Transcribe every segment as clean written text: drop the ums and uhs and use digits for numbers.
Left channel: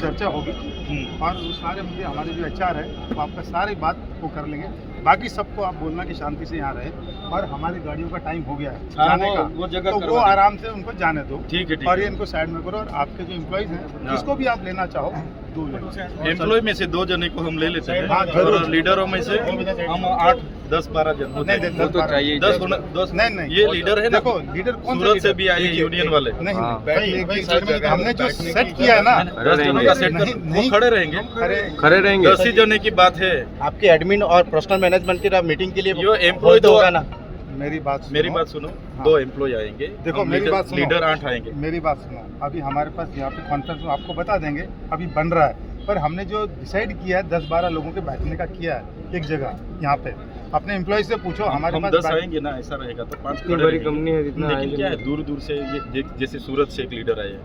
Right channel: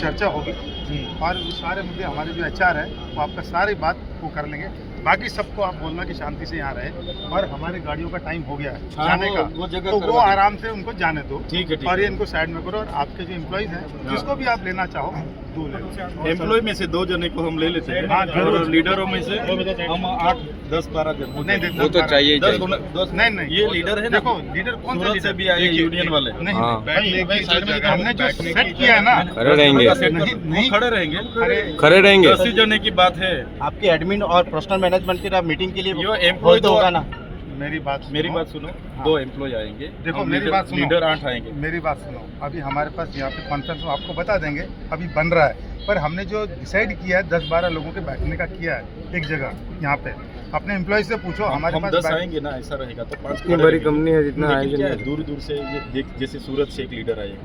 चर्चा होगी और वो सारे मुद्दे हमारे जो HR है वो आपका सारी बात वो कर लेंगे। बाकी सबको आप बोलना कि शांति से यहाँ रहे और हमारी गाड़ियों का टाइम हो गया है जाने का, वो जगह तो वो आराम से उनको जाने दो। ठीक है और ये इनको साइड में करो और आपके जो एम्प्लॉइज हैं जिसको भी आप लेना चाहो एम्प्लॉय में से 2 जने को हम ले लेते हैं और लीडरों में से हम 8, 10, 12 जन हो जाएंगे। वो तो चाहिए 10 नहीं ये लीडर है ना। देखो लीडर कौन सूरत से भी आए यूनियन वाले। नहीं हमने जो सेट किया है ना वो खड़े रहेंगे 10 ही जने की बात है। आपके एडमिन और पर्सनल मैनेजमेंट की मीटिंग के लिए जो एम्प्लॉय तो होगा ना। मेरी बात सुनो। 2 एम्प्लॉय आएंगे। देखो मेरी बात सुनो, लीडर 8 आएंगे। मेरी बात सुनो, अभी हमारे पास यहाँ पे कॉन्फ्रेंस में आपको बता देंगे, अभी बन रहा है, पर हमने जो डिसाइड किया है 10-12 लोगों के बैठने का किया है एक जगह यहाँ पे। अपने एम्प्लॉय से पूछो, हमारे पास 10 आएंगे ना, ऐसा रहेगा तो 5 बड़ी कंपनी है जितना लेकिन क्या है दूर से ये जैसे सूरत से एक लीडर आए,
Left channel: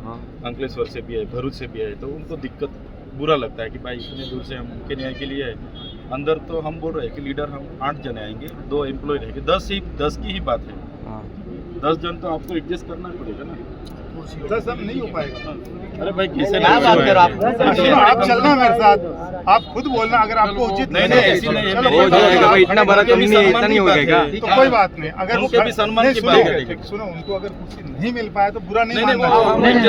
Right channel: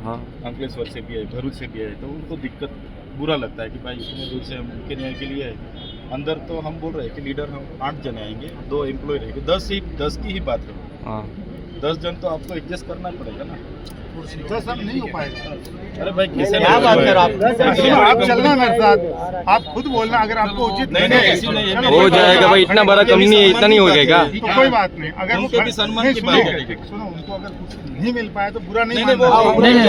अंकलेश्वर से भी आए, भरूच से भी आए, तो उनको दिक्कत बुरा लगता है कि भाई इतने दूर से हम उनके न्याय के लिए आए। अंदर तो हम बोल रहे हैं कि लीडर हम 8 जने आएंगे, 2 एम्प्लॉय रहेंगे। 10 की ही बात है। 10 जन तो आपको एडजस्ट करना पड़ेगा ना। 10 हम नहीं हो पाएगा। अरे भाई किसे क्या बात कर आप? सुनो, आप चलना मेरे साथ, आप खुद बोलना अगर आपको उचित नहीं ऐसी नहीं है। चलो, हो जाएगा भाई, इतना बड़ा कंपनी है, इतना नहीं हो जाएगा। तो कोई बात नहीं, अगर उनके भी सम्मान की बात है। सुनो, उनको अगर कुछ नहीं मिल पाया तो बुरा नहीं नहीं, मानना।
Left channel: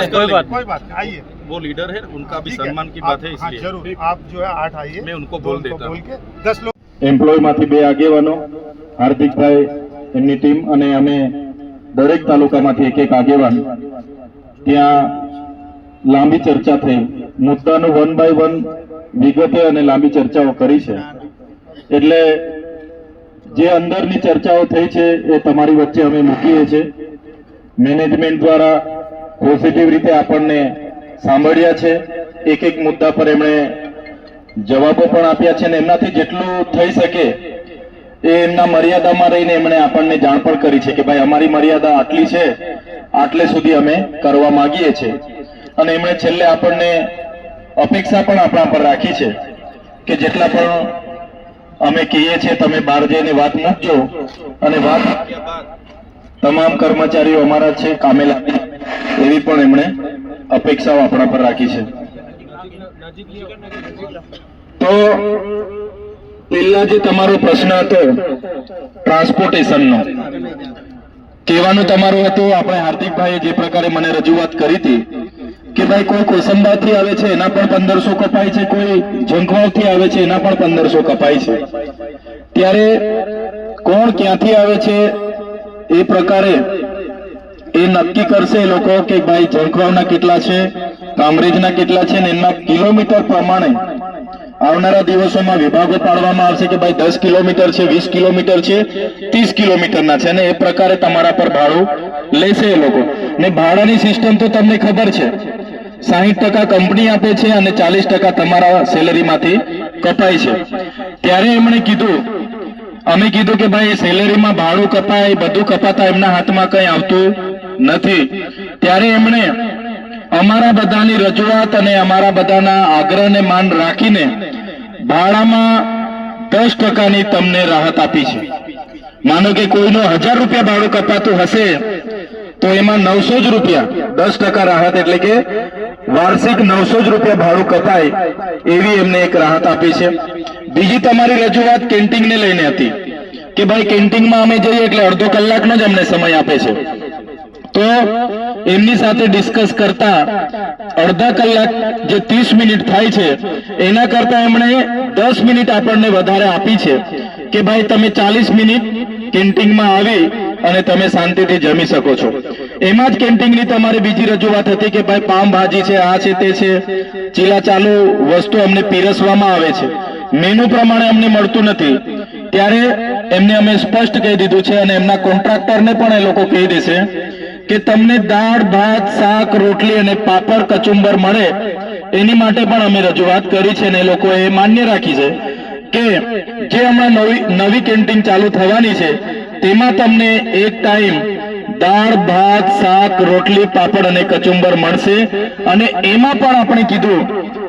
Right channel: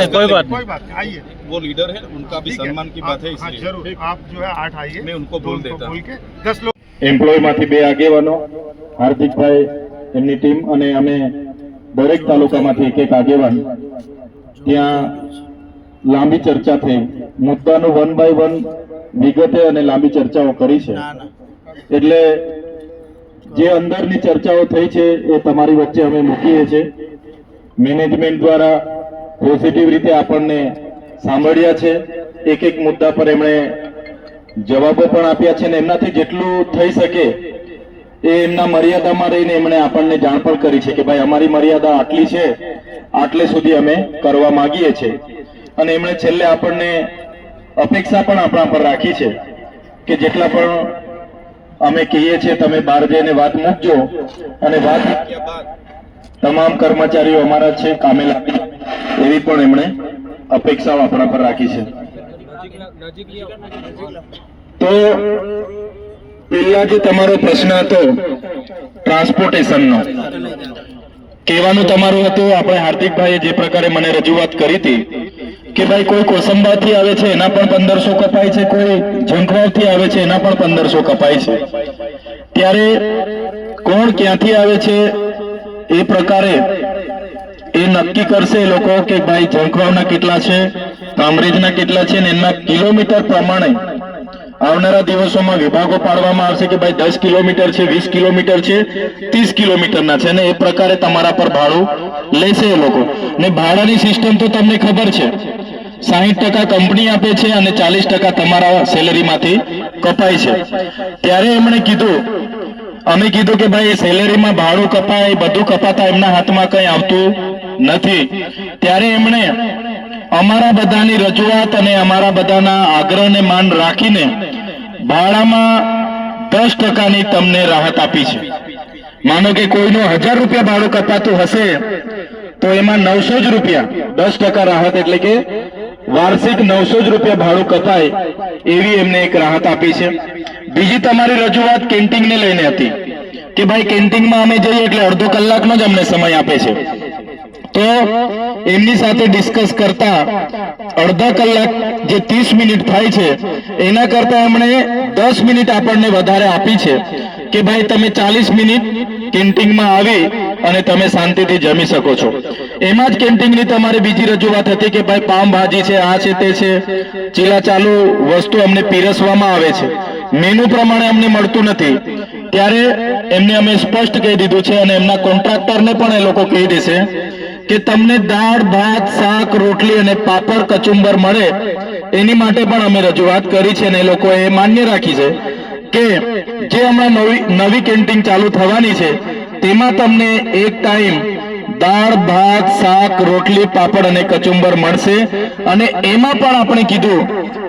कोई बात कोई बात नहीं, आइए। वो लीडर है, उनका भी सम्मान की बात है, इसलिए जरूर आप जो है 8 आइए, मैं उनको बोल देता हूँ। बोल के 10 लोग એમ્પ્લોયમાંથી 2 આગેવાનો હાર્દિકભાઈ એમની ટીમ અને અમે દરેક તાલુકામાંથી એક આગેવાન ત્યાં લાંબી ચર્ચા થઈ મુદ્દાનું 1 બાય 1 વિગતે અને લાંબી ચર્ચાઓ કરી છે એટલે જે અંદરની ચર્ચાઓ થઈ છે એ તમારી વચ્ચે અમે મૂકીએ છીએ મેનેજમેન્ટ દ્વારા પોઝિટિવ રીતે આપણને સાંભળ્યા છે એક મુદ્દા પર એમણે જવાબો પણ આપ્યા છે અને એમનાથી જેટલું થઈ શકે એ એમના મર્યાદામાં રહીને એમણે આપણને જાણ પણ કરી છે કે ભાઈ અમારી મર્યાદા આટલી છે, આટલે સુધી અમે કરવા માંગીએ છીએ અને એમણે છેલ્લે આપણને અપેક્ષા પણ આપણા પર રાખી છે કે જેટલા પણ અમે કહીએ છીએ તમે બહાર જઈને વાત મૂકજો અને વાત તમામ કર્મચારીઓ અમારા છે કામે લાગે એવી પણ એમણે અપેક્ષાઓ આપણા પર રાખી છે। તો પહેલા જે તમારો પ્રશ્ન હતો ટ્રાન્સપોર્ટેશનનો, કહેવાનું તમારું હતું આપણે હાર્દિકભાઈએ જે પ્રકારે મને રજૂઆત કરી હતી કે ભાઈ કોઈ કોસંબાથી આવે છે એના પણ 1500 કપાય છે, કોઈ ઝંખવાડથી આવે છે એના પણ 1500 કપાય છે, ત્યારે કોણ ક્યાંથી આવે છે એ પ્રકારે એ નક્કી કરશે એ લોકો કે ભાઈ ઝંખવાડના કેટલા છે, કામરેજના કેટલા છે, ને એના કિલોમીટર પ્રમાણે આવનારા દિવસોમાં વિભાગો પાડવામાં આવશે કે ભાઈ 10 કિલોમીટર છે, 20 કિલોમીટર છે, 30 કિલોમીટરના છે ને એ પ્રકારે તમારા પર ભાડું લેશે એ લોકો। ને ભાડાની સિસ્ટમ તો તમને ખબર છે, 60% કંપની આપે છે અને 40% તમારા સેલેરીમાંથી કપાય છે। ત્યારે એમણે કીધું, અમે કીધું કે ભાઈ સેલેરીમાં ભાડું કપાય, બધું કપાતા એમના હાથમાં કંઈ આવતું નથી। ત્યારે એમણે અમારા બધાની રજૂઆત અને અમારા બધાના આગ્રહને માન રાખીને ભાડામાં 10%ની તમને રાહત આપી છે। માનો કે કોઈનો 1000 રૂપિયા ભાડું કપાતું હશે તો એમાં 900 જ રૂપિયા 10% રાહત એટલે કે વાર્ષિક 900 જ રૂપિયા ભાડું કપાય એવી એમને એક રાહત આપી છે। બીજી તમારી રજૂઆત કેન્ટીનને લઈને હતી કે ભાઈ કેન્ટીનમાં અમે જઈએ એટલે અડધો કલાકનો જ અમને સમય આપે છે, તો એમની સાથે ડિસ્કસ કરતા અડધા કલાક જે 30 મિનિટ થાય છે એના કરતા એમણે 10 મિનિટ આપણને વધારે આપી છે કે ભાઈ તમે 40 મિનિટ કેન્ટીનમાં આવી અને તમે શાંતિથી જમી શકો છો। એમાં જ કેન્ટીનની તમારી બીજી રજૂઆત હતી કે ભાઈ પામ ભાજી છે, આ છે, તે છે, ચીલા ચાલુ વસ્તુ અમને પીરસવામાં આવે છે, મેનુ પ્રમાણે અમને મળતું નથી। ત્યારે એમને અમે સ્પષ્ટ કહી દીધું છે અને એમના કોન્ટ્રાક્ટરને પણ એ લોકો કહી દેશે કે તમને દાળ ભાત શાક રોટલી અને પાપડ કચુંબર મળે એની માટે પણ અમે રજૂઆત કરી છે અને એ લોકોએ માન્ય રાખી છે કે જે હમણાં નવી કેન્ટીન ચાલુ થવાની છે તેમાં તમને એક ટાઈમ દાળ ભાત શાક રોટલી પાપડ અને કચુંબર મળશે અને એમાં પણ આપણે કીધું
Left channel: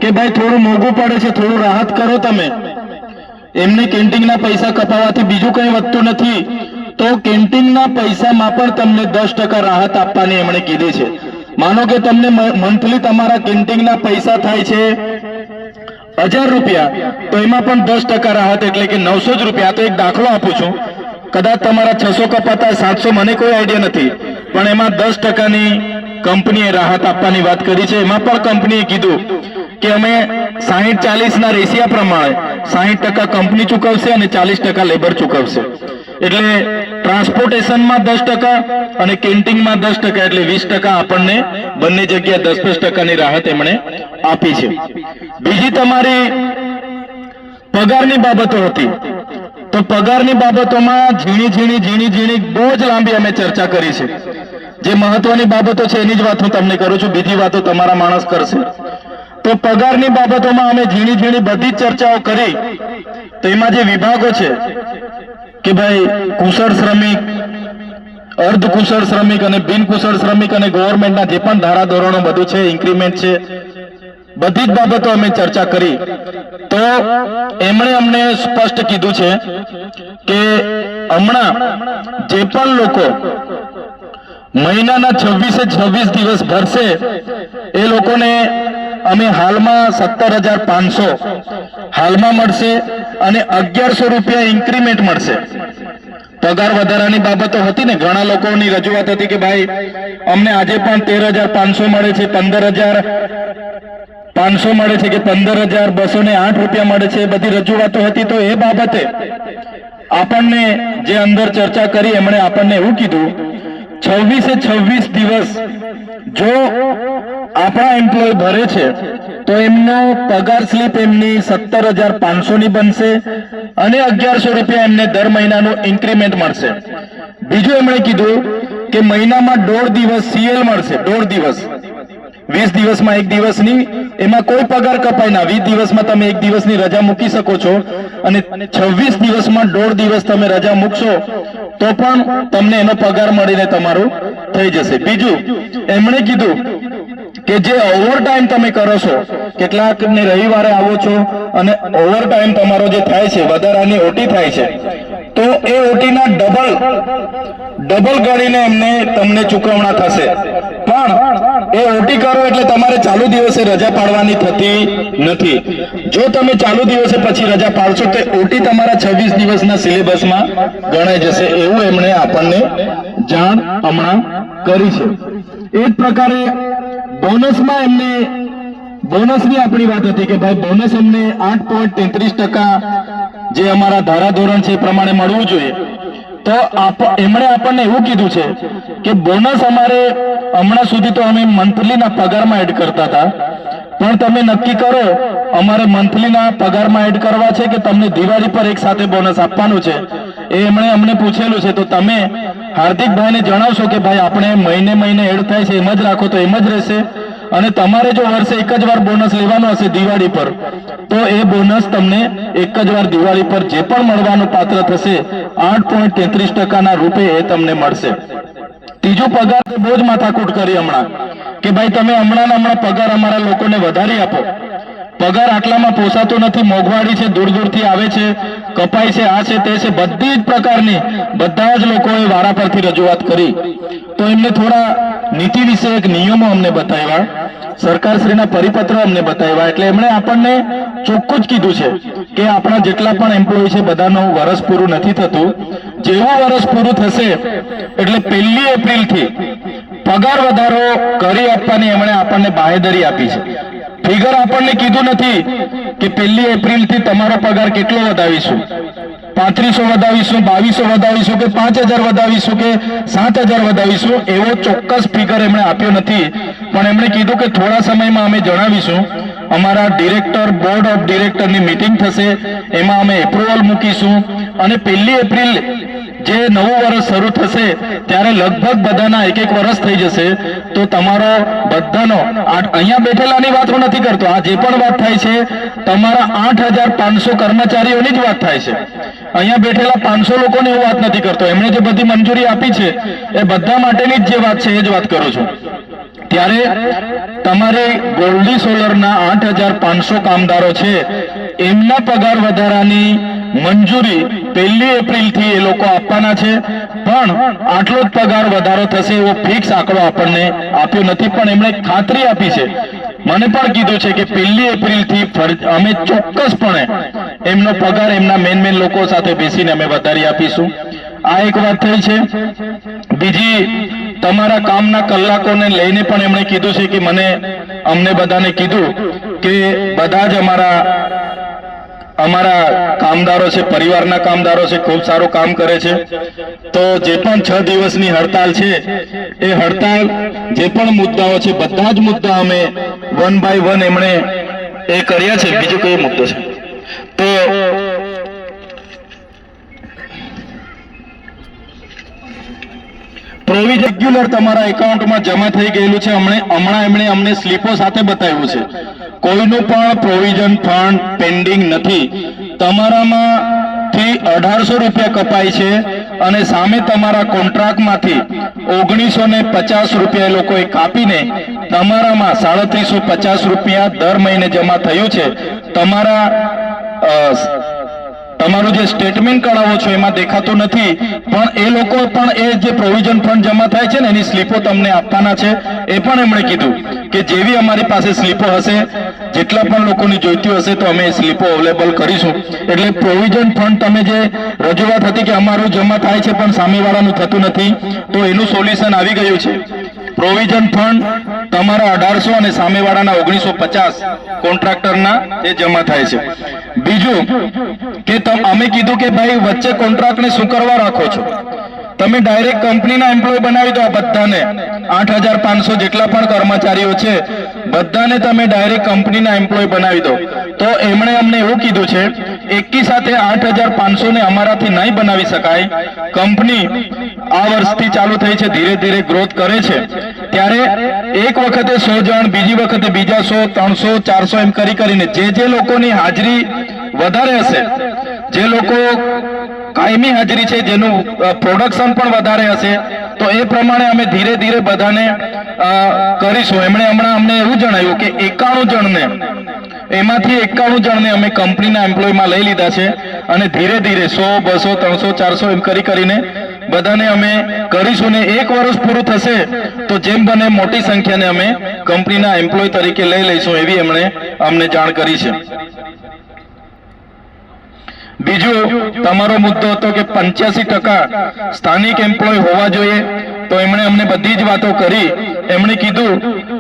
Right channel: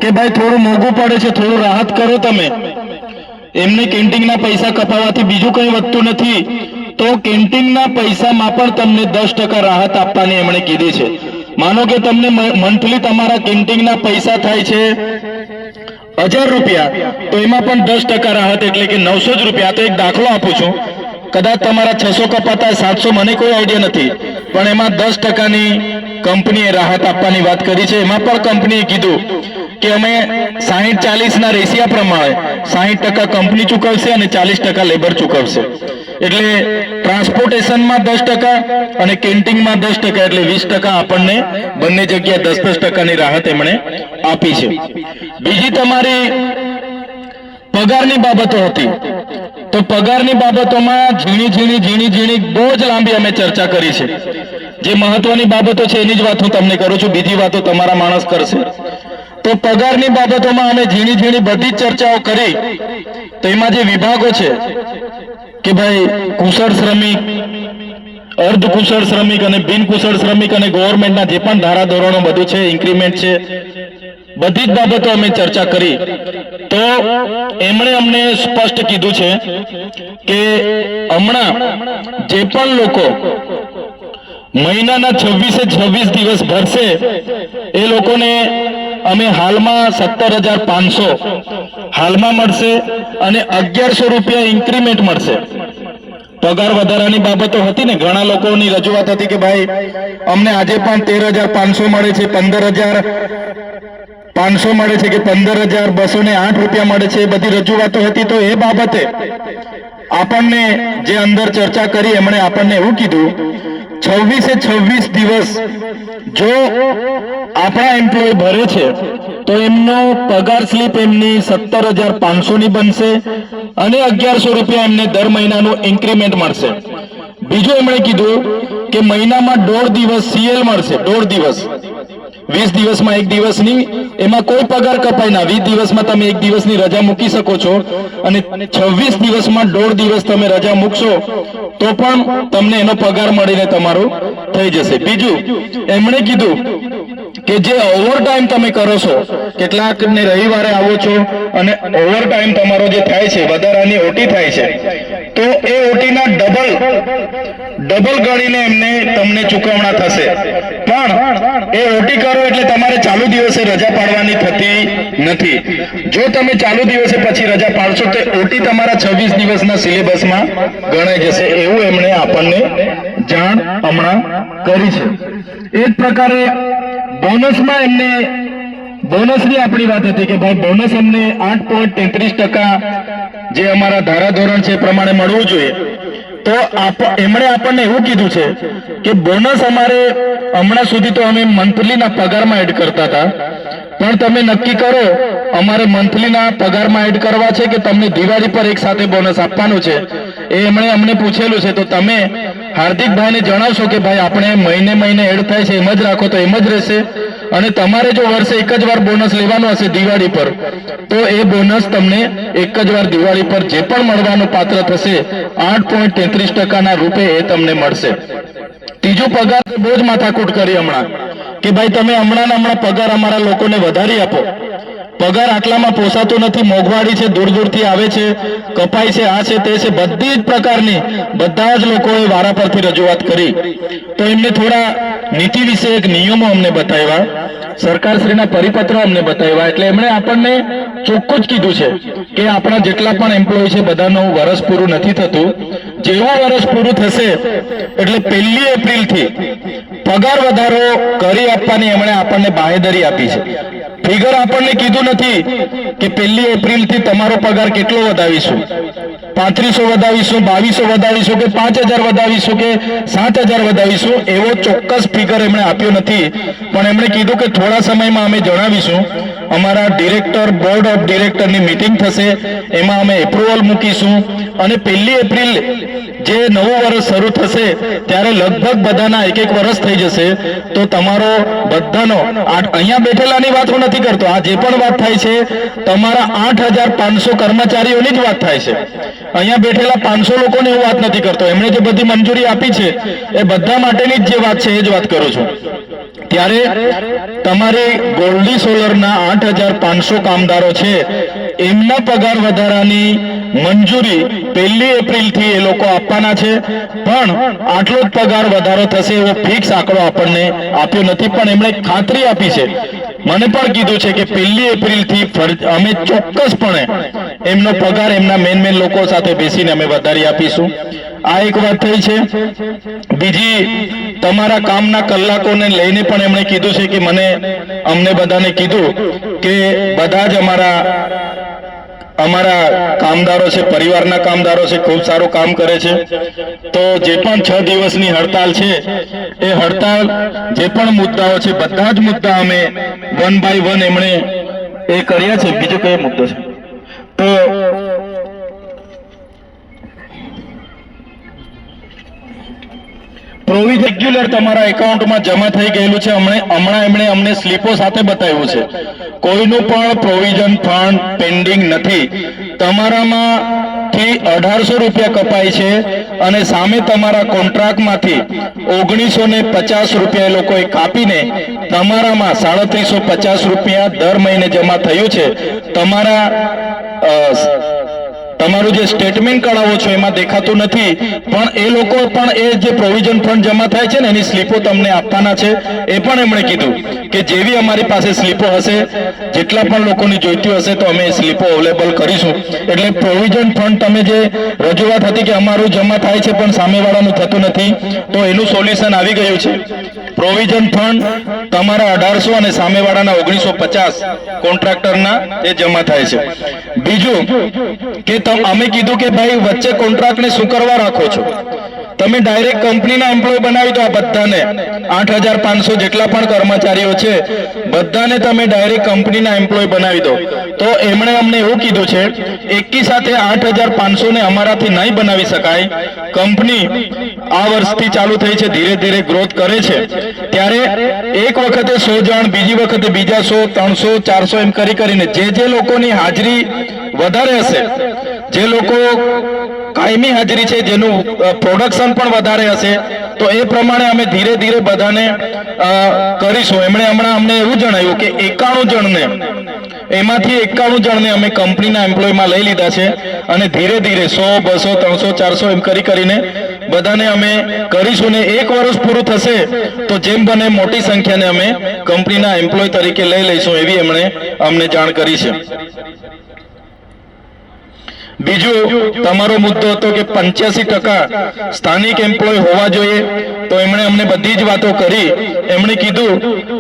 કે ભાઈ થોડું મોંઘું પડે છે, થોડું રાહત કરો તમે। એમને કેન્ટીનના પૈસા કપાવવાથી બીજું કંઈ વધતું નથી, તો કેન્ટીનના પૈસામાં પણ તમને 10% રાહત આપવાની એમણે કીધી છે। માનો કે તમને મંથલી તમારા કેન્ટીનના પૈસા થાય છે 1000 રૂપિયા, તો એમાં પણ 10% રાહત એટલે કે 900 જ રૂપિયા. તો એક દાખલો આપું છું, કદાચ તમારા 600 કપાતા 700, મને કોઈ આઈડિયા નથી, પણ એમાં 10%ની કંપનીએ રાહત આપવાની વાત કરી છે. એમાં પણ કંપનીએ કીધું કે અમે 60-40 રેશિયા પ્રમાણે 60% કંપની ચૂકવશે અને 40% લેબર ચૂકવશે. એટલે ટ્રાન્સપોર્ટેશનમાં 10% અને કેન્ટીનમાં 10%, એટલે 20% આપણને બંને જગ્યાએ 10-10%ની રાહત એમણે આપી છે. બીજી તમારી પગારની બાબતો હતી, તો પગારની બાબતોમાં ઝીણી બહુ જ લાંબી અમે ચર્ચા કરી છે. જે મહત્વની બાબતો છે એની જ વાત હું તમને કરું છું, બીજી વાતો તમારા માણસ કરશે. તો પગારની બાબતોમાં અમે ઝીણી બધી જ ચર્ચાઓ કરી. તો એમાં જે વિભાગો છે કે ભાઈ કુશળ શ્રમિક, અર્ધ કુશળ શ્રમિક અને બિન કુશળ શ્રમિક અને ગવર્મેન્ટના જે પણ ધારાધોરણો બધું છે, ઇન્ક્રીમેન્ટ છે, બધી જ બાબતો અમે ચર્ચા કરી. તો એમણે અમને સ્પષ્ટ કીધું છે કે હમણાં જે પણ લોકો મહિનાના 26 દિવસ ભરશે એ લોકોને અમે હાલમાં 17,500 હાલમાં મળશે અને 1100 રૂપિયા ઇન્ક્રીમેન્ટ મળશે. પગાર વધારાની બાબતો હતી ને, ઘણા લોકોની રજૂઆત હતી કે ભાઈ અમને આજે પણ 13,500 મળે છે, 15,500 મળે છે કે 15,208 રૂપિયા મળે છે, એ બધી રજૂઆતો હતી. તો એ બાબતે આપણને જે અંદર ચર્ચા કરી એમણે આપણને એવું કીધું, 26 દિવસ જો આપણા એમ્પ્લોય ભરે છે તો એમનો પગાર સ્લીપ એમની 17,500 ની બનશે અને 1100 રૂપિયા એમને દર મહિનાનું ઇન્ક્રીમેન્ટ મળશે. બીજું એમણે કીધું કે મહિનામાં 1.5 દિવસ CL મળશે, 1.5 દિવસ. 20 દિવસમાં 1 દિવસની એમાં કોઈ પગાર કપાય ના. 20 દિવસમાં તમે 1 દિવસની રજા મૂકી શકો છો અને 26 દિવસમાં 1.5 દિવસ તમે રજા મૂકશો તો પણ તમને એનો પગાર મળીને તમારું થઈ જશે. બીજું એમણે કીધું કે જે ઓવરટાઈમ તમે કરો છો, કેટલાકને રવિવારે આવો છો અને ઓવરટાઈમ તમારો જે થાય છે, વધારાની ઓટી થાય છે, તો એ ઓટીના ડબલ ગણીને એમને તમને ચૂકવણા થશે. પણ એ ઓટી કરો એટલે તમારે ચાલુ દિવસે રજા પાડવાની થતી નથી. જો તમે ચાલુ દિવસે પછી રજા પાડશો તો ઓટી તમારા 26 દિવસના સિલેબસમાં ગણાઈ જશે. એવું એમણે આપણને જાણ હમણાં કરી છે. એ જ પ્રકારે બોનસમાં એમને બોનસની આપણી વાત હતી કે ભાઈ બોનસ અમને 8.33% જે અમારા ધારાધોરણ છે એ પ્રમાણે મળવું જોઈએ. તો એમણે આપણને એવું કીધું છે કે બોનસ અમારે હમણાં સુધી તો અમે મંથલીના પગારમાં એડ કરતા હતા, પણ તમે નક્કી કરો અમારે મંથલીના પગારમાં એડ કરવા છે કે તમને દિવાળી પર એક સાથે બોનસ આપવાનું છે. એ એમણે અમને પૂછેલું છે. તો તમે હાર્દિકભાઈને જણાવશો કે ભાઈ આપણે મહિને એડ થાય છે એમ જ રાખો તો એમ જ રહેશે, અને તમારે જો વર્ષે એક જ વાર બોનસ લેવાનું હશે દિવાળી પર તો એ બોનસ તમને એક જ વાર દિવાળી પર જે પણ મળવાનું પાત્ર થશે 8.33% રૂપે એ તમને મળશે. ત્રીજો પગાર તો બહુ જ માથાકૂટ કરી હમણાં કે ભાઈ તમે હમણાં પગાર અમારા લોકોને વધારી આપો. પગાર આટલામાં પોસાતો નથી, મોંઘવારી છે, દૂરથી આવે છે, કપાઈ છે, આ છે, તે છે, બધી જ પ્રકારની બધા જ લોકોએ વારા પરથી રજૂઆત કરી. તો એમને થોડા નીતિ વિષયક નિયમો અમને બતાવ્યા, સરકારશ્રીના પરિપત્રો અમને બતાવ્યા. એટલે એમણે આપણને ચોખ્ખું જ કીધું છે કે આપણા જેટલા પણ એમ્પ્લોય છે બધાનું વર્ષ પૂરું નથી થતું. જેવું વર્ષ પૂરું થશે એટલે 1 એપ્રિલથી પગાર વધારો કરી આપવાની એમણે આપણને બાંહેધરી આપી છે. ફિગર આપણને કીધું નથી કે 1 એપ્રિલથી તમારો પગાર કેટલો વધાવીશું, 3500 વધાવીશું, 2200 વધાવીશું કે 5000 વધાવીશું કે 7000 વધાવીશું, એવો ચોક્કસ ફિગર એમણે આપ્યો નથી. પણ એમણે કીધું કે થોડા સમયમાં અમે જણાવીશું. અમારા ડિરેક્ટર, બોર્ડ ઓફ ડિરેક્ટરની મીટિંગ થશે, એમાં અમે એપ્રુવલ મૂકીશું અને 1 એપ્રિલ જે નવું વર્ષ શરૂ થશે ત્યારે લગભગ બધાના 1 વર્ષ થઈ જશે. તો તમારો બધાનો અહીંયા બેઠેલાની વાત હું નથી કરતો, આ જે પણ વાત થાય છે તમારા 8500 કર્મચારીઓની જ વાત થાય છે. અહીંયા બેઠેલા 500 લોકોને એવું વાત નથી કરતો. એમણે જે બધી મંજૂરી આપી છે એ બધા માટેની જ જે વાત છે એ જ વાત કરું છું. ત્યારે તમારે ગોલ્ડી સોલરના 8500 કામદારો છે એમના પગાર વધારાની મંજૂરી 1 એપ્રિલથી એ લોકો આપવાના છે. પણ આટલો જ પગાર વધારો થશે એવો ફિક્સ આંકડો આપણને આપ્યો નથી, પણ એમણે ખાતરી આપી છે, મને પણ કીધું છે કે 1 એપ્રિલથી અમે ચોક્કસપણે એમનો પગાર એમના મેન લોકો સાથે બેસીને અમે વધારી આપીશું. આ એક વાત થઈ છે. બીજી, તમારા કામના કલાકોને લઈને પણ એમણે કીધું છે કે અમને બધાને કીધું કે બધા જ અમારા કામદારો છે, પરિવારના કામદારો છે, ખૂબ સારું કામ કરે છે. તો જે પણ 6 દિવસની હડતાલ છે એ હડતાલ જે પણ મુદ્દાઓ છે બધા જ મુદ્દા અમે 1 by 1 એમણે એ કર્યા છે. બીજો કયો મુદ્દો છે? તો પ્રોવિઝન રેગ્યુલર તમારા એકાઉન્ટમાં જમા થઈ ગયેલું છે. હમણાં એમણે અમને સ્લીપો સાથે બતાવ્યું છે. કોઈનું પણ પ્રોવિઝન ફંડ પેન્ડિંગ નથી. તમારામાંથી 1800 રૂપિયા કપાય છે અને સામે તમારા કોન્ટ્રાક્ટમાંથી 1950 રૂપિયા એ લોકોએ કાપીને તમારામાં 3750 રૂપિયા દર મહિને જમા થયું છે. તમારું જે સ્ટેટમેન્ટ કઢાવો છો એમાં દેખાતું નથી, પણ એ લોકો પણ એ જે પ્રોવિઝન ફંડ જમા થાય છે ને એની સ્લીપો તમને આપવાના છે. એ પણ એમણે કીધું કે જેવી અમારી પાસે સ્લીપો હશે, જેટલા પણ લોકોની જોઈતી હશે તો અમે એ સ્લીપો અવેલેબલ કરીશું. એટલે પ્રોવિઝન ફંડ તમે જે રજૂઆત હતી કે અમારું જમા થાય છે પણ સામેવાળાનું થતું નથી, તો એનું સોલ્યુશન આવી ગયું છે. પ્રોવિઝન ફંડ તમારા 1800 અને સામેવાળાના 1950 કોન્ટ્રાક્ટરના એ જમા થાય છે. બીજું કે અમે કીધું કે ભાઈ વચ્ચે કોન્ટ્રાક્ટને શું કરવા રાખો છો? તમે ડાયરેક્ટ કંપનીના એમ્પ્લોય બનાવી દો. આ બધાને 8500 જેટલા પણ કર્મચારીઓ છે બધાને તમે ડાયરેક્ટ કંપનીના એમ્પ્લોય બનાવી દો. તો એમણે અમને એવું કીધું છે એકી સાથે 8500 ને અમારાથી નહીં બનાવી શકાય. કંપની આ વર્ષથી ચાલુ થઈ છે, ધીરે ધીરે ગ્રોથ કરે છે, ત્યારે એક વખતે 100 જણ, બીજી વખતે બીજા 100, 300, 400 એમ કરીને જે લોકોની હાજરી વધારે હશે, જે લોકો કાયમી હાજરી છે, જેનું પ્રોડક્શન પણ વધારે હશે, તો એ પ્રમાણે અમે ધીરે ધીરે બધાને કરીશું. એમણે હમણાં અમને એવું જણાવ્યું કે 91 જણને, એમાંથી 91 જણને અમે કંપનીના એમ્પ્લોયમાં લઈ લીધા છે અને ધીરે ધીરે 100, 200, 300, 400 એમ કરીને બધાને અમે કરીશું. ને 1 વર્ષ પૂરું થશે તો જેમ બને મોટી સંખ્યાને અમે કંપનીના એમ્પ્લોય તરીકે લઈ લઈશું, એવી એમણે અમને જાણ કરી છે. બીજું, તમારો મુદ્દો હતો કે 85% સ્થાનિક એમ્પ્લોય હોવા જોઈએ. તો એમણે અમને બધી જ વાતો કરી. એમણે કીધું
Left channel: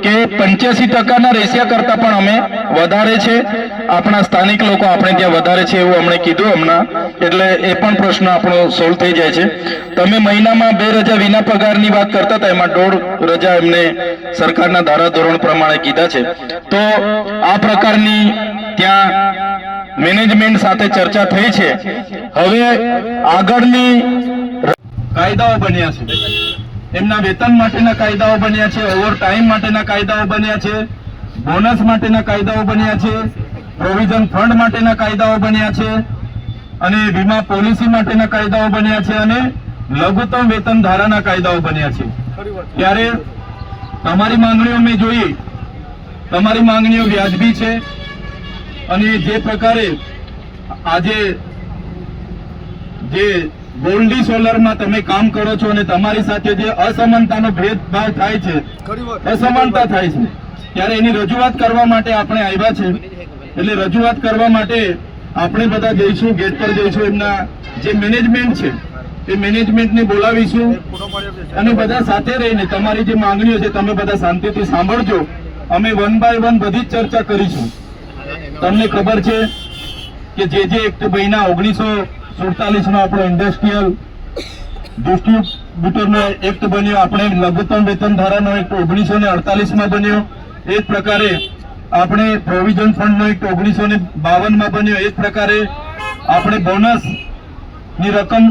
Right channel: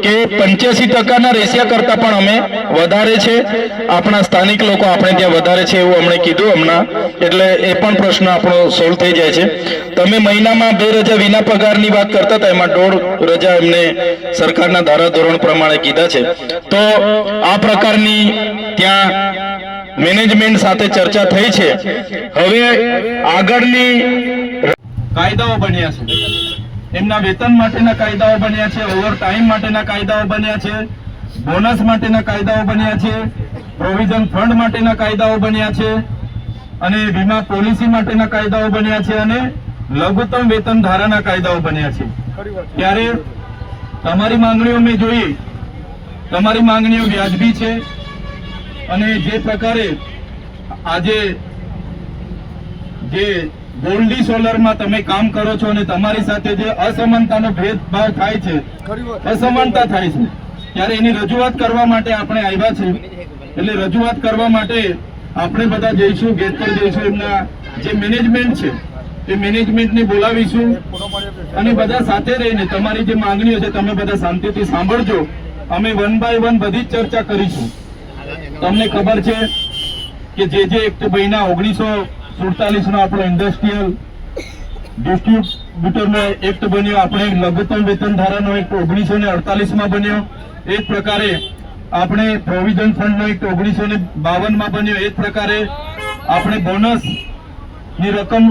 કે 85%ના રેશિયા કરતા પણ અમે વધારે છે, આપણા સ્થાનિક લોકો આપણે ત્યાં વધારે છે એવું અમને કીધું હમણાં. એટલે એ પણ પ્રશ્ન આપણો સોલ્વ થઈ જાય છે. તમે મહિનામાં 2 રજા વિના પગારની વાત કરતા હતા, એમાં 1.5 રજા એમને સરકારના ધારાધોરણ પ્રમાણે કીધા છે. તો આ પ્રકારની ત્યાં મેનેજમેન્ટ સાથે ચર્ચા થઈ છે. હવે આગળની કાયદાઓ બન્યા છે, એમના વેતન માટેના કાયદાઓ બન્યા છે, ઓવર ટાઈમ માટેના કાયદાઓ બન્યા છે, બોનસ માટેના કાયદાઓ બન્યા છે, પ્રોવિઝન ફંડ માટેના કાયદાઓ બન્યા છે, અને વીમા પોલિસી માટેના કાયદાઓ બન્યા છે, અને લઘુત્તમ વેતન ધારાના કાયદાઓ બન્યા છે. ત્યારે તમારી માંગણીઓ મેં જોઈ, તમારી માંગણીઓ વ્યાજબી છે. અને જે પ્રકારે આજે જે ગોલ્ડી સોલરમાં તમે કામ કરો છો અને તમારી સાથે જે અસમાનતાનો ભેદભાવ થાય છે, અસમાનતા થાય છે, ત્યારે એની રજૂઆત કરવા માટે આપણે આવ્યા છે. એટલે રજૂઆત કરવા માટે આપણે બધા જઈશું, ગેટ પર જઈશું, એમના જે મેનેજમેન્ટ છે એ મેનેજમેન્ટને બોલાવીશું અને બધા સાથે રહીને તમારી જે માંગણીઓ છે તમે બધા શાંતિથી સાંભળજો. અમે 1 by 1 બધી જ ચર્ચા કરીશું. તમને ખબર છે કે જે એક્ટ બન્યા 1947 નો આપણો ઇન્ડસ્ટ્રીયલ ડિસ્ટ્રીબ્યુટરનો એક્ટ બન્યો, આપણે લઘુત્તમ વેતન ધારાનો એક્ટ 1948 માં બન્યો, એ જ પ્રકારે આપણે પ્રોવિઝન ફંડનો એક્ટ 1952 માં બન્યો, એ જ પ્રકારે આપણે બોનસ ની રકમ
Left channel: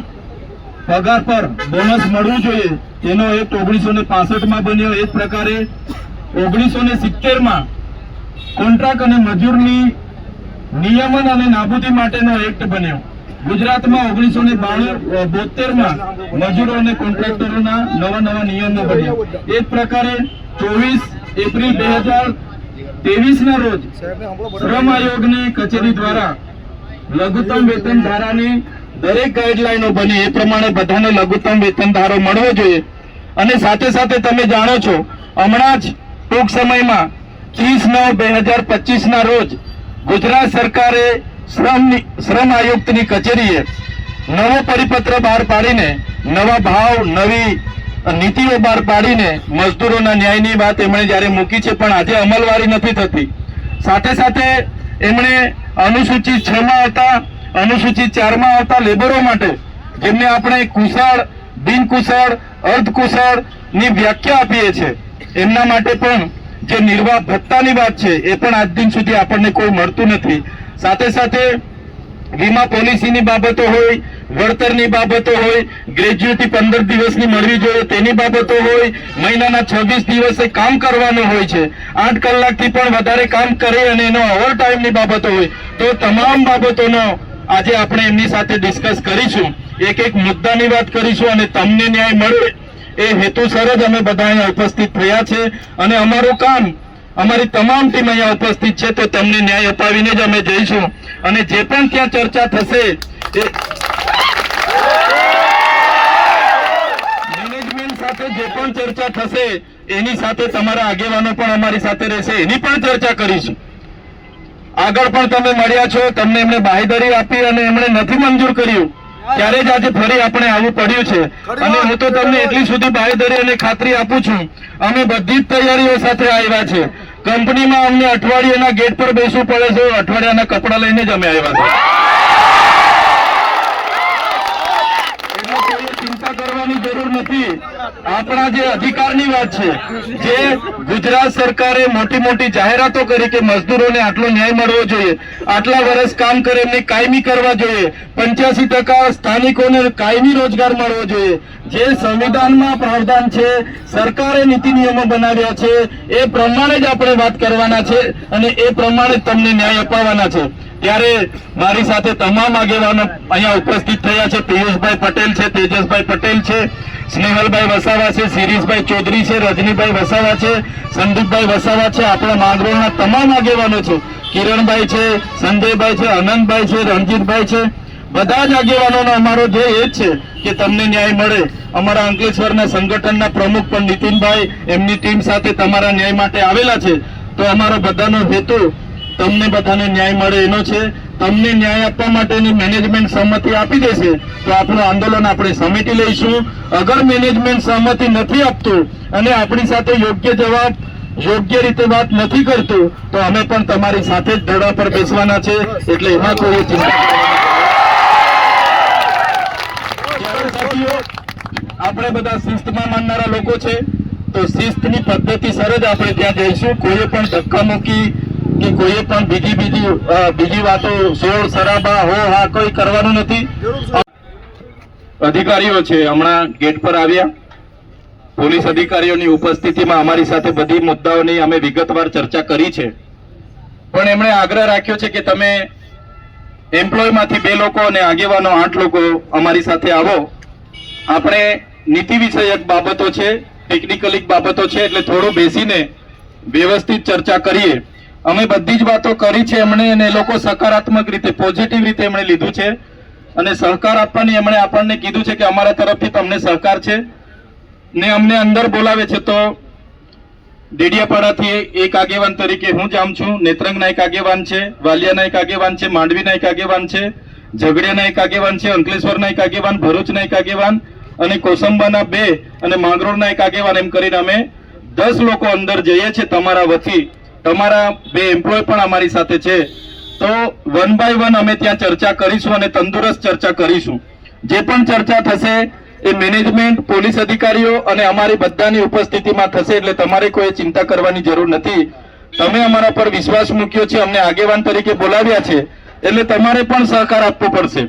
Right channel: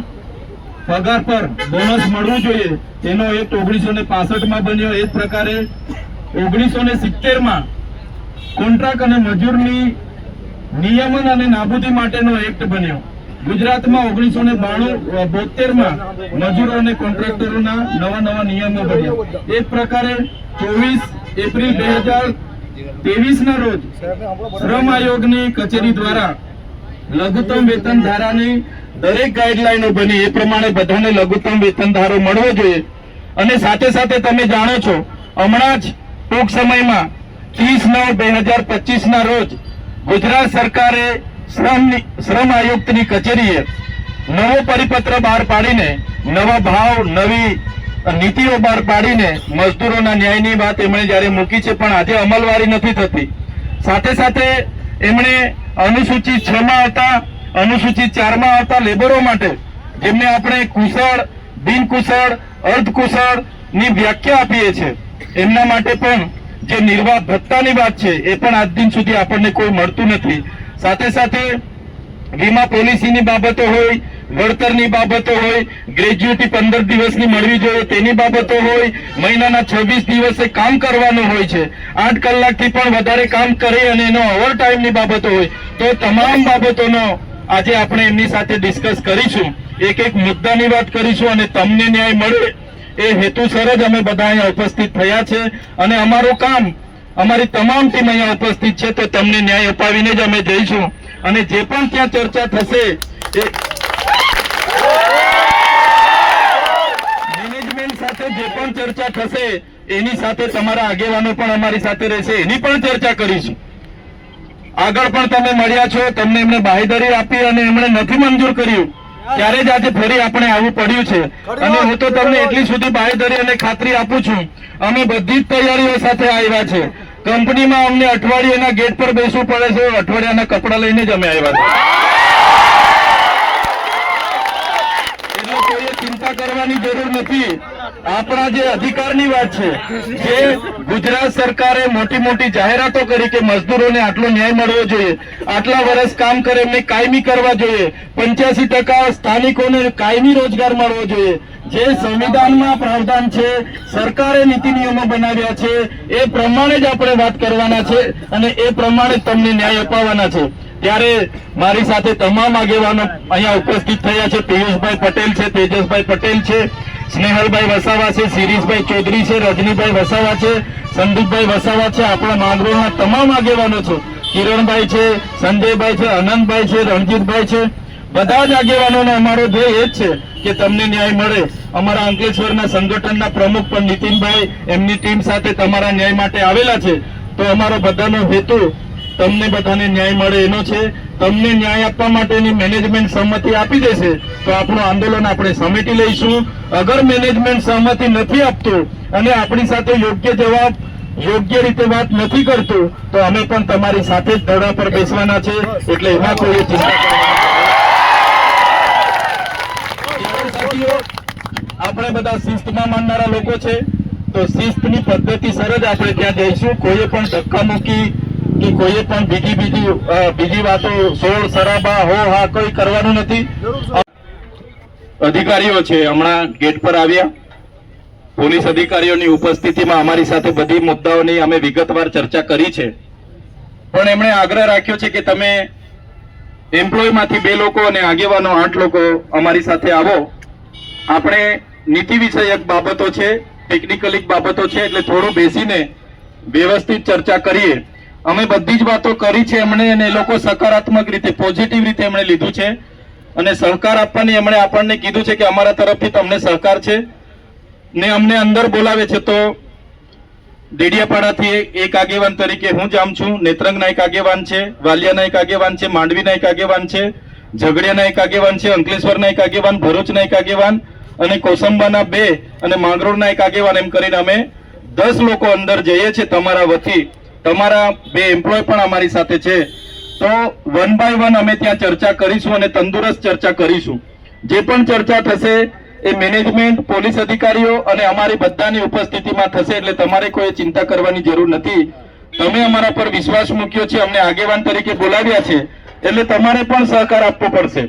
પગાર પર બોનસ મળવું જોઈએ એનો એક્ટ 1965 માં બન્યો, એ જ પ્રકારે 1970 માં કોન્ટ્રાક્ટ અને મજૂરની નિયમન અને નાબૂદી માટેનો એક્ટ બન્યો. ગુજરાતમાં 1972 માં મજૂરો અને કોન્ટ્રાક્ટરોના નવા નિયમો બન્યા. એ જ પ્રકારે 24 એપ્રિલ 2023 ના રોજ શ્રમ આયોગની કચેરી દ્વારા લઘુત્તમ વેતન ધારાની દરેક ગાઈડલાઈનો બની એ પ્રમાણે બધાને લઘુત્તમ વેતન ધારો મળવો જોઈએ. અને સાથે સાથે તમે જાણો છો હમણાં જ ટૂંક સમયમાં 30/9/2025 ના રોજ ગુજરાત સરકારે શ્રમ આયુક્તની કચેરીએ નવો પરિપત્ર બહાર પાડીને નવા ભાવ નવી નીતિઓ બહાર પાડીને મજદૂરોના ન્યાયની વાત એમણે જ્યારે મૂકી છે, પણ આજે અમલવારી નથી થતી. સાથે સાથે એમણે અનુસૂચિત 6 માં આવતા અનુસૂચિત 4 માં આવતા લેબરો માટે જેમને આપણે કુશળ બિનકુશળ અર્ધકુશળ ની વ્યાખ્યા આપીએ છીએ એમના માટે પણ જે નિર્વાહ ભત્તાની વાત છે એ પણ આજ દિન સુધી આપણને કોઈ મળતું નથી. સાથે સાથે વીમા પોલિસીની બાબતો હોય, વળતરની બાબતો હોય, ગ્રેજ્યુટી 15 દિવસની મળવી જોઈએ તેની બાબતો હોય, મહિનાના 26 દિવસે કામ કરવાનું હોય છે, 8 કલાકથી પણ વધારે કામ કરે અને એનો ઓવર ટાઈમની બાબતો હોય, તો તમામ બાબતોનો આજે આપણે એમની સાથે ડિસ્કસ કરીશું, એક એક મુદ્દાની વાત કરીશું અને તમને ન્યાય મળે એ હેતુસર જ અમે બધા અહીંયા ઉપસ્થિત થયા છે. અને અમારું કામ અમારી તમામ ટીમ અહીંયા ઉપસ્થિત છે, તો તમને ન્યાય અપાવીને જ અમે જઈશું. અને જે પણ ત્યાં ચર્ચા થશે મેનેજમેન્ટ સાથે જે પણ ચર્ચા થશે એની સાથે તમારા આગેવાનો પણ અમારી સાથે રહેશે, એની પણ ચર્ચા કરીશું. આગળ પણ તમે મળ્યા છો, તમને એમને બાંહેધરી આપી અને એમણે નથી મંજૂર કર્યું ત્યારે જ આજે ફરી આપણે આવવું પડ્યું છે. અને હું તો તમને એટલી સુધી બાંહેધરી અને ખાતરી આપું છું, અમે બધી જ તૈયારીઓ સાથે આવ્યા છે. કંપનીમાં અમને અઠવાડિયાના ગેટ પર બેસવું પડે છે, અઠવાડિયાના કપડા લઈને જ અમે આવ્યા છે. એટલે કોઈ ચિંતા કરવાની જરૂર નથી. આપણા જે અધિકારની વાત છે, જે ગુજરાત સરકારે મોટી મોટી જાહેરાતો કરી કે મજદૂરોને આટલો ન્યાય મળવો જોઈએ, આટલા વર્ષ કામ કરે એમને કાયમી કરવા જોઈએ, 85% સ્થાનિકોને કાયમી રોજગાર મળવો જોઈએ, જે સંવિધાનમાં પ્રાવધાન છે, સરકારે નીતિ નિયમો બનાવ્યા છે, એ પ્રમાણે જ આપણે વાત કરવાના છે અને એ પ્રમાણે જ તમને ન્યાય અપાવવાના છે. ત્યારે મારી સાથે તમામ આગેવાનો અહીંયા ઉપસ્થિત થયા છે. પિયુષભાઈ પટેલ છે, તેજસભાઈ પટેલ છે, સ્નેહલભાઈ વસાવા છે, શિરીષભાઈ ચૌધરી છે, રજનીભાઈ વસાવા છે, સંદીપભાઈ વસાવા છે, આપણા માંગરોળના તમામ આગેવાનો છે, કિરણભાઈ છે, સંજયભાઈ છે, અનંતભાઈ છે, રણજીતભાઈ છે. બધા જ આગેવાનોનો અમારો ધ્યેય એ જ છે કે તમને ન્યાય મળે. અમારા અંકલેશ્વરના સંગઠનના પ્રમુખ પણ નીતિનભાઈ એમની ટીમ સાથે તમારા ન્યાય માટે આવેલા છે. તો અમારો બધાનો હેતુ તમને બધાને ન્યાય મળે એનો છે. તમને ન્યાય આપવા માટેની મેનેજમેન્ટ સહમતિ આપી દેશે તો આપણું આંદોલન આપણે સમેટી લઈશું. અગર મેનેજમેન્ટ સહમતિ નથી આપતું અને આપણી સાથે યોગ્ય જવાબ યોગ્ય રીતે વાત નથી કરતું તો અમે પણ તમારી સાથે જ ધરણા પર બેસવાના છે. એટલે એમાં કોઈ ચિંતા સાથીઓ, આપણે બધા શિસ્તમાં માનનારા લોકો છે, તો શિસ્તની પદ્ધતિસર જ આપણે ત્યાં જઈશું. કોઈએ પણ ધક્કામુક્કી કે કોઈએ પણ બીજી વાતો શોર શરાબા હો હા કોઈ કરવાનું નથી. અધિકારીઓ છે હમણાં ગેટ પર આવ્યા, પોલીસ અધિકારીઓની ઉપસ્થિતિમાં અમારી સાથે બધી મુદ્દાઓની અમે વિગતવાર ચર્ચા કરી છે. પણ એમણે આગ્રહ રાખ્યો છે કે તમે એમ્પ્લોયમાંથી 2 લોકો અને આગેવાનો 8 લોકો અમારી સાથે આવો. આપણે નીતિ વિષયક બાબતો છે, ટેકનિકલ બાબતો છે, એટલે થોડું બેસીને વ્યવસ્થિત ચર્ચા કરીએ. અમે બધી જ વાતો કરી છે એમણે, અને એ લોકો સકારાત્મક રીતે પોઝિટિવ રીતે એમણે લીધું છે અને સહકાર આપવાની એમણે આપણને કીધું છે કે અમારા તરફથી તમને સહકાર છે. ને અમને અંદર બોલાવે છે તો ડેડિયાપાડાથી એક આગેવાન તરીકે હું જામ છું, નેત્રંગના એક આગેવાન છે, વાલિયાના એક આગેવાન છે, માંડવીના એક આગેવાન છે, ઝઘડિયાના એક આગેવાન છે, અંકલેશ્વરના એક આગેવાન, ભરૂચના એક આગેવાન અને કોસંબાના 2 અને માંગરોળના એક આગેવાન, એમ કરીને અમે 10 લોકો અંદર જઈએ છીએ તમારા વતી. તમારા 2 એમ્પ્લોય પણ અમારી સાથે છે. તો 1 બાય 1 અમે ત્યાં ચર્ચા કરીશું અને તંદુરસ્ત ચર્ચા કરીશું. જે પણ ચર્ચા થશે એ મેનેજમેન્ટ, પોલીસ અધિકારીઓ અને અમારી બધાની ઉપસ્થિતિમાં થશે. એટલે તમારે કોઈ ચિંતા કરવાની જરૂર નથી. તમે અમારા પર વિશ્વાસ મૂક્યો છે, અમને આગેવાન તરીકે બોલાવ્યા છે, એટલે તમારે પણ સહકાર આપવો પડશે.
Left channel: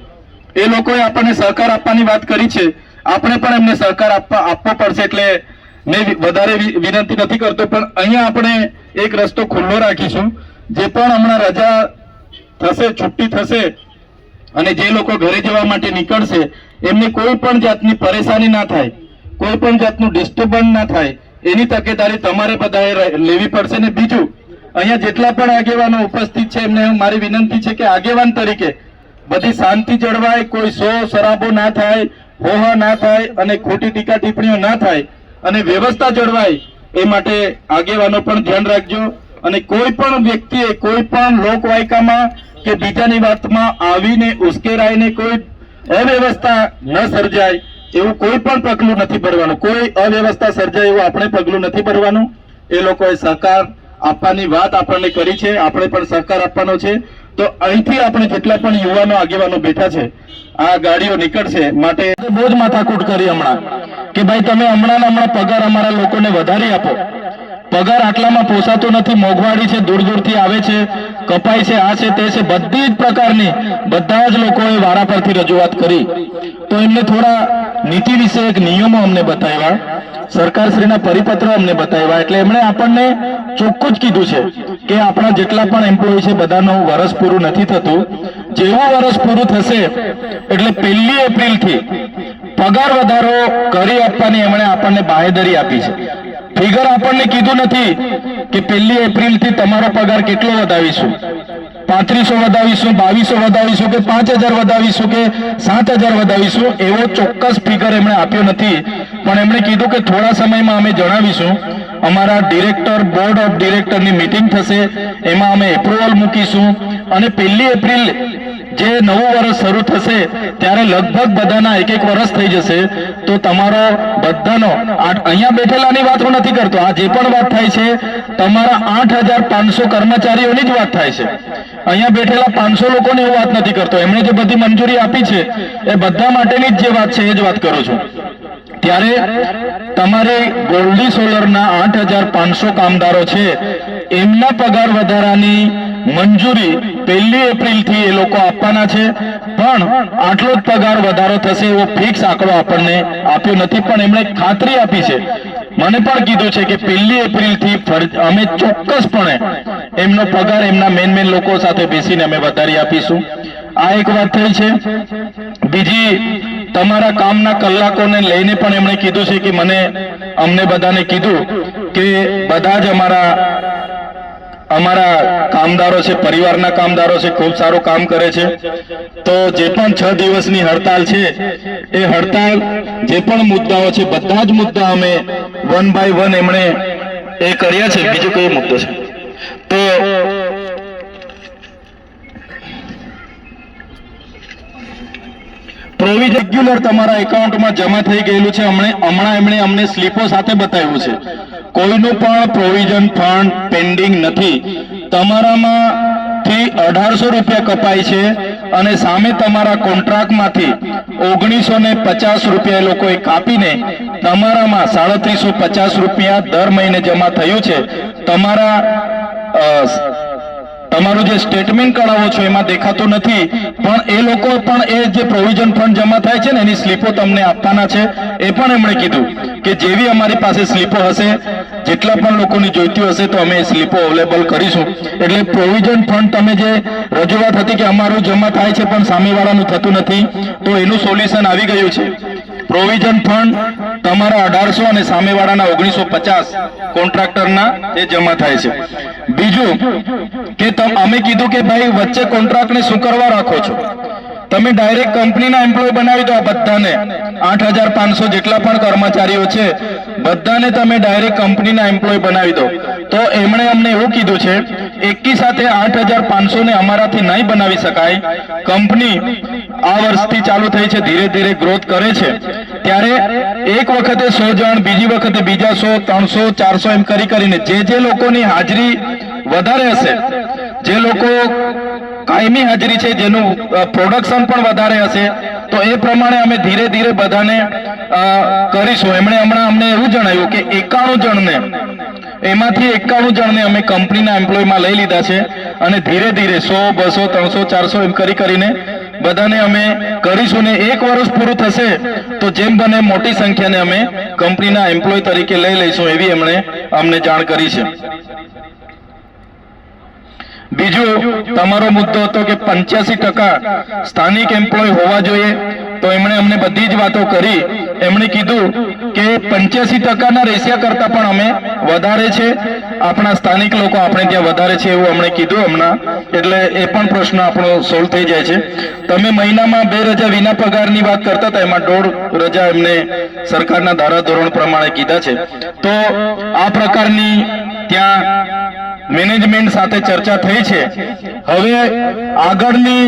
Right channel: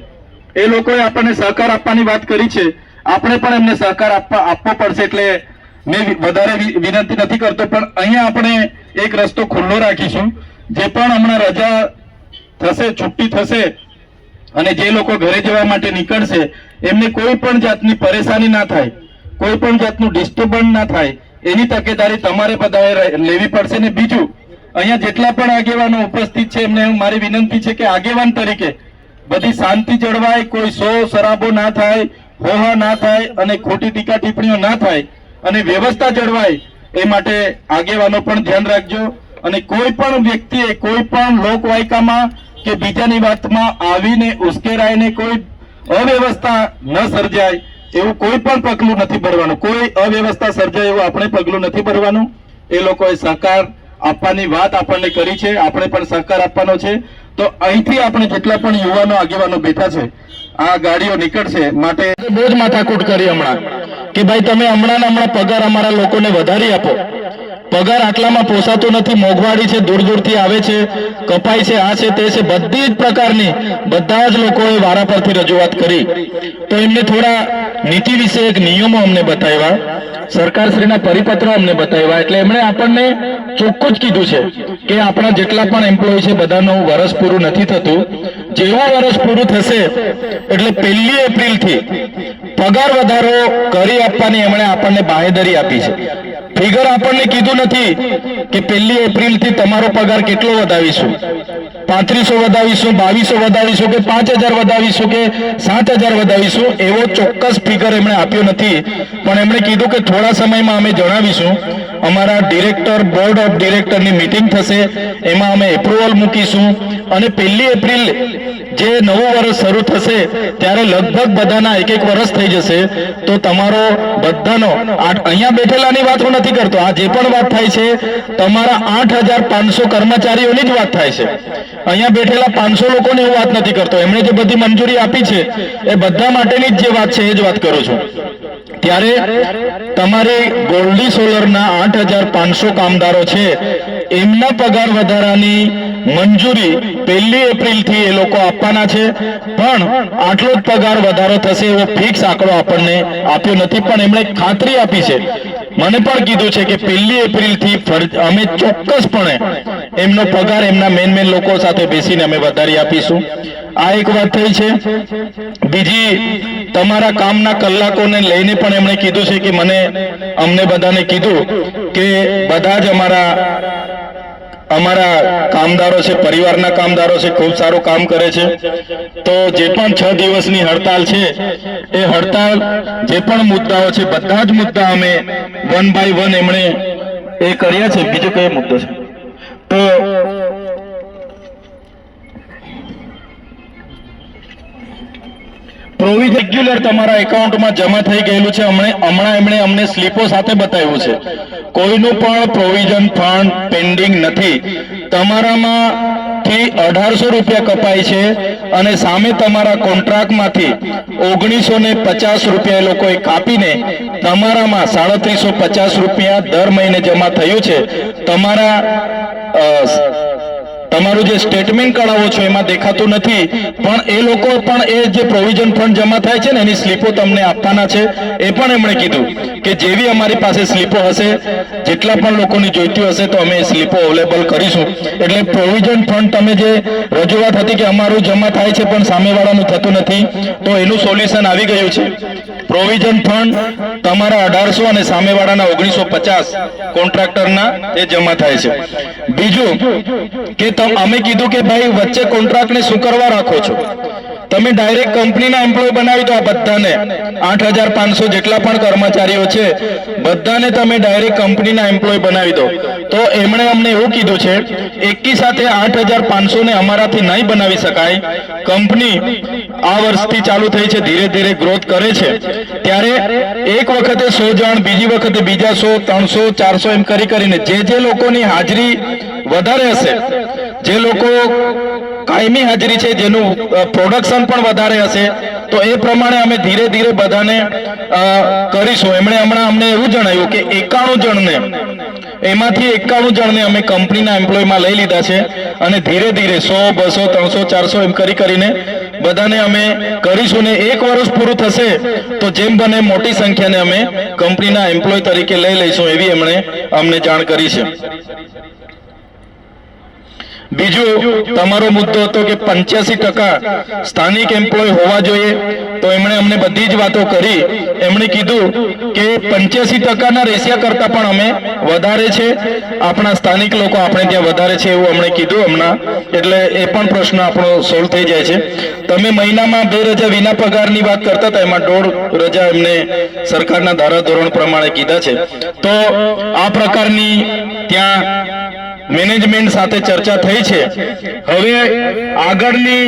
એ લોકોએ આપણને સહકાર આપવાની વાત કરી છે, આપણે પણ એમને સહકાર આપવો પડશે. એટલે મેં વધારે વિનંતી નથી કરતો, પણ અહીંયા આપણે એક રસ્તો ખુલ્લો રાખીશું. જે પણ હમણાં રજા થશે, છુટ્ટી થશે અને જે લોકો ઘરે જવા માટે નીકળશે એમને કોઈ પણ જાતની પરેશાની ના થાય, કોઈ પણ જાતનું ડિસ્ટર્બન્સ ના થાય, એની તકેદારી તમારે બધાએ લેવી પડશે. ને બીજું, અહીંયા જેટલા પણ આગેવાનો ઉપસ્થિત છે એમને મારી વિનંતી છે કે આગેવાન તરીકે બધી શાંતિ જળવાય, કોઈ શરાબો ના થાય, હોહા ના થાય અને ખોટી ટીકા ટિપ્પણીઓ ના થાય અને વ્યવસ્થા જળવાય એ માટે આગેવાનો પણ ધ્યાન રાખજો. અને કોઈ પણ વ્યક્તિએ કોઈ પણ લોકવાયકામાં કે બીજાની વાતમાં આવીને ઉશ્કેરાઈને કોઈ અવ્યવસ્થા ન સર્જાય એવું કોઈ પણ પગલું નથી ભરવાનું. કોઈ અવ્યવસ્થા સર્જાય એવું આપણે પગલું નથી ભરવાનું. એ લોકોએ સહકાર આપવાની વાત આપણને કરી છે, આપણે પણ સહકાર આપવાનો છે. તો અહીંથી આપણે જેટલા પણ યુવાનો આગેવાનો બેઠા છે, આ ગાડીઓ નીકળશે માટે બહુ જ માથાકૂટ કરી હમણાં કે ભાઈ તમે હમણાં પગાર અમારા લોકોને વધારી આપો. પગાર આટલામાં પોસાતો નથી, મોંઘવારી છે, દૂર દૂરથી આવે છે, કપાઈ છે, આ છે, તે છે, બધી જ પ્રકારની બધા જ લોકોએ વારા પરથી રજૂઆત કરી. તો એમને થોડા નીતિ વિશે એક નિયમો અમને બતાવ્યા, સરકારશ્રીના પરિપત્રો અમને બતાવ્યા. એટલે એમણે આપણને ચોખ્ખું જ કીધું છે કે આપણા જેટલા પણ એમ્પ્લોય છે બધાનું વર્ષ પૂરું નથી થતું. જેવું વર્ષ પૂરું થશે એટલે 1 એપ્રિલથી પગાર વધારો કરી આપવાની એમણે આપણને બાહેધરી આપી છે. ફિગર આપણને કીધું નથી કે 1 એપ્રિલથી તમારો પગાર કેટલો વધાવીશું, 3500 વધાવીશું, 2200 વધાવીશું કે 5000 વધાવીશું કે 7000 વધાવીશું, એવો ચોક્કસ ફિગર એમણે આપ્યો નથી. પણ એમણે કીધું કે થોડા સમયમાં અમે જણાવીશું. અમારા ડિરેક્ટર, બોર્ડ ઓફ ડિરેક્ટરની મીટિંગ થશે, એમાં અમે એપ્રુવલ મૂકીશું અને 1 એપ્રિલ જે નવું વર્ષ શરૂ થશે ત્યારે લગભગ બધાના 1 વર્ષ થઈ જશે. તો તમારો બધાનો અહીંયા બેઠેલાની વાત હું નથી કરતો, આ જે પણ વાત થાય છે તમારા 8500 કર્મચારીઓની જ વાત થાય છે. અહીંયા બેઠેલા 500 લોકોની હું વાત નથી કરતો. એમણે જે બધી મંજૂરી આપી છે એ બધા માટેની જ જે વાત છે એ જ વાત કરું છું. ત્યારે તમારી ગોલ્ડી સોલરના 8500 કામદારો છે, એમના પગાર વધારાની મંજૂરી 1 એપ્રિલથી એ લોકો આપવાના છે. પણ આટલો જ પગાર વધારો થશે એવો ફિક્સ આંકડો આપણને આપ્યો નથી. પણ એમણે ખાતરી આપી છે, મને પણ કીધું છે કે 1 એપ્રિલથી અમે ચોક્કસપણે એમનો પગાર એમના મેન લોકો સાથે બેસીને અમે વધારી આપીશું. આ એક વાત થઈ છે. બીજી, તમારા કામના કલાકોને લઈને પણ એમણે કીધું છે કે અમને બધાને કીધું કે બધા જ અમારા કામદારો છે, પરિવારના કામદારો છે, ખૂબ સારું કામ કરે છે. તો જે પણ 6 દિવસની હડતાલ છે એ હડતાલ જે પણ મુદ્દાઓ છે બધા જ મુદ્દા અમે 1 by 1 એમણે એ કર્યા છે. બીજો કયો મુદ્દો છે તો પ્રોવિઝન રેગ્યુલર તમારા એકાઉન્ટમાં જમા થઈ ગયેલું છે. હમણાં એમણે અમને સ્લીપો સાથે બતાવ્યું છે. કોઈનું પણ પ્રોવિઝન ફંડ પેન્ડિંગ નથી. તમારામાંથી 1800 રૂપિયા કપાય છે અને સામે તમારા કોન્ટ્રાક્ટમાંથી 1950 રૂપિયા એ લોકોએ કાપીને તમારામાં 3750 રૂપિયા દર મહિને જમા થયું છે. તમારું જે સ્ટેટમેન્ટ કઢાવો છો એમાં દેખાતું નથી, પણ એ લોકો પણ એ જે પ્રોવિઝન ફંડ જમા થાય છે ને એની સ્લીપો તમને આપવાના છે. એ પણ એમણે કીધું કે જેવી અમારી પાસે સ્લીપો હશે, જેટલા પણ લોકોની જોઈતી હશે તો અમે એ સ્લીપો અવેલેબલ કરીશું. એટલે પ્રોવિઝન ફંડ તમે જે રજૂઆત હતી કે અમારું જમા થાય છે પણ સામેવાળાનું થતું નથી, તો એનું સોલ્યુશન આવી ગયું છે. પ્રોવિઝન ફંડ તમારા 1800 અને સામેવાળાના 1950 કોન્ટ્રાક્ટરના એ જમા થાય છે. બીજું કે અમે કીધું કે ભાઈ વચ્ચે કોન્ટ્રાક્ટને શું કરવા રાખો છો? તમે ડાયરેક્ટ કંપનીના એમ્પ્લોય બનાવી દો. આ બધાને 8500 જેટલા પણ કર્મચારીઓ છે બધાને તમે ડાયરેક્ટ કંપનીના એમ્પ્લોય બનાવી દો. તો એમણે અમને એવું કીધું છે એકી સાથે 8500 ને અમારાથી નહીં બનાવી શકાય. કંપની આ વર્ષથી ચાલુ થઈ છે, ધીરે ધીરે ગ્રોથ કરે છે. ત્યારે એક વખતે 100 જણ, બીજી વખતે બીજા 100, 300, 400 એમ કરીને જે લોકોની હાજરી વધારે હશે, જે લોકો કાયમી હાજરી છે, જેનું પ્રોડક્શન પણ વધારે હશે, તો એ પ્રમાણે અમે ધીરે ધીરે બધાને કરીશું. એમણે હમણાં અમને એવું જણાવ્યું કે 91 જણને, એમાંથી 91 જણને અમે કંપનીના એમ્પ્લોયમાં લઈ લીધા છે અને ધીરે ધીરે 100, 200, 300, 400 એમ કરીને બધાને અમે કરીશું. ને 1 વર્ષ પૂરું થશે તો જેમ બને મોટી સંખ્યાને અમે કંપનીના એમ્પ્લોય તરીકે લઈ લઈશું, એવી એમણે અમને જાણ કરી છે. બીજું તમારો મુદ્દો હતો કે 85% સ્થાનિક એમ્પ્લોય હોવા જોઈએ, તો એમણે અમને બધી જ વાતો કરી. એમણે કીધું કે 85%ના રેશિયા કરતા પણ અમે વધારે છે, આપણા સ્થાનિક લોકો આપણે ત્યાં વધારે છે એવું અમને કીધું હમણાં. એટલે એ પણ પ્રશ્ન આપણો સોલ્વ થઈ જાય છે. તમે મહિનામાં 2 રજા વિના પગારની વાત કરતા હતા, એમાં 1.5 રજા એમને સરકારના ધારાધોરણ પ્રમાણે કીધા છે. તો આ પ્રકારની ત્યાં મેનેજમેન્ટ સાથે ચર્ચા થઈ છે. હવે આગળની